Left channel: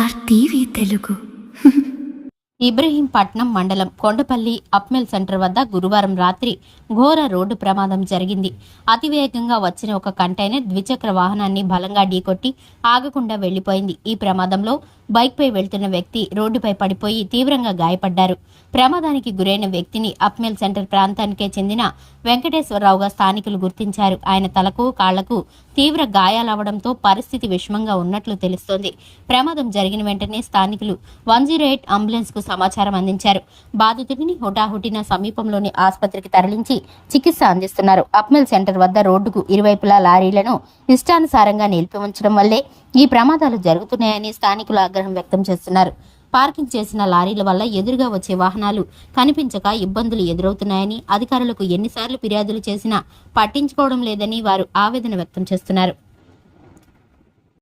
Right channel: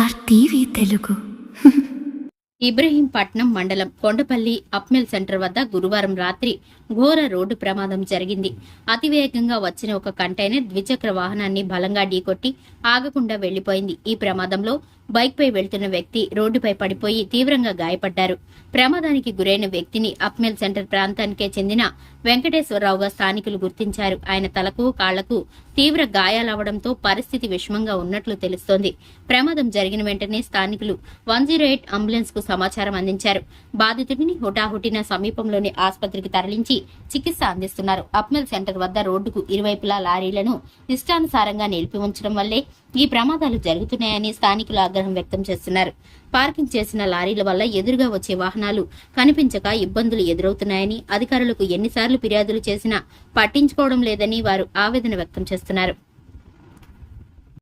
ARTV Telugu. Ibrahimpatnam మండలం Kondapalli అప్మెల్ centre వద్ద గురువారం రాత్రి ఘోర రోడ్డు ప్రమాదం జరిగింది. అతివేగంగా వచ్చిన ఒక కంటైనర్ ద్విచక్ర వాహనాన్ని బలంగా ఢీకొట్టి ఆగకుండా వెళ్లిపోయింది. ఈ ప్రమాదంలో బైక్పై వెళ్తున్న వ్యక్తి రోడ్డుపై పడిపోయి తీవ్రంగా గాయపడ్డారు. ప్రమాదానికి గురైన వ్యక్తిని అప్మెల్ సెంటర్ ప్రాంతానికే చెందిన వెంకటేశ్వరరావుగా స్థానికులు గుర్తించారు. ఆయన తలకు, కాళ్లకు తీవ్ర గాయాలవడంతో పరిస్థితి విషమంగా ఉన్నట్లు తెలుస్తోంది. ప్రమాదం జరిగిన వెంటనే స్థానికులు 108 అంబులెన్స్ కు సమాచారం అందించారు. బాధితుడిని హుటాహుటిన సమీపంలోని ఆసుపత్రికి తరలించి చికిత్స అందిస్తున్నారు. అప్మెల్ సెంటర్ వద్ద రోడ్డుకు ఇరువైపులా లారీలను ఇష్టానుసారంగా నిలిపి ఉంచడం వల్లే ఈ ప్రమాదాలు జరుగుతున్నాయని స్థానికులు ఆగ్రహం వ్యక్తం చేస్తున్నారు. పార్కింగ్ చేసిన లారీల వల్ల ఎదురుగా వచ్చే వాహనాలు కనిపించక ఇబ్బందులు ఎదురవుతున్నాయని, అధికారులకు ఎన్నిసార్లు ఫిర్యాదులు చేసినా పట్టించుకోవడం లేదని వారు ఆవేదన వ్యక్తం చేస్తున్నారు.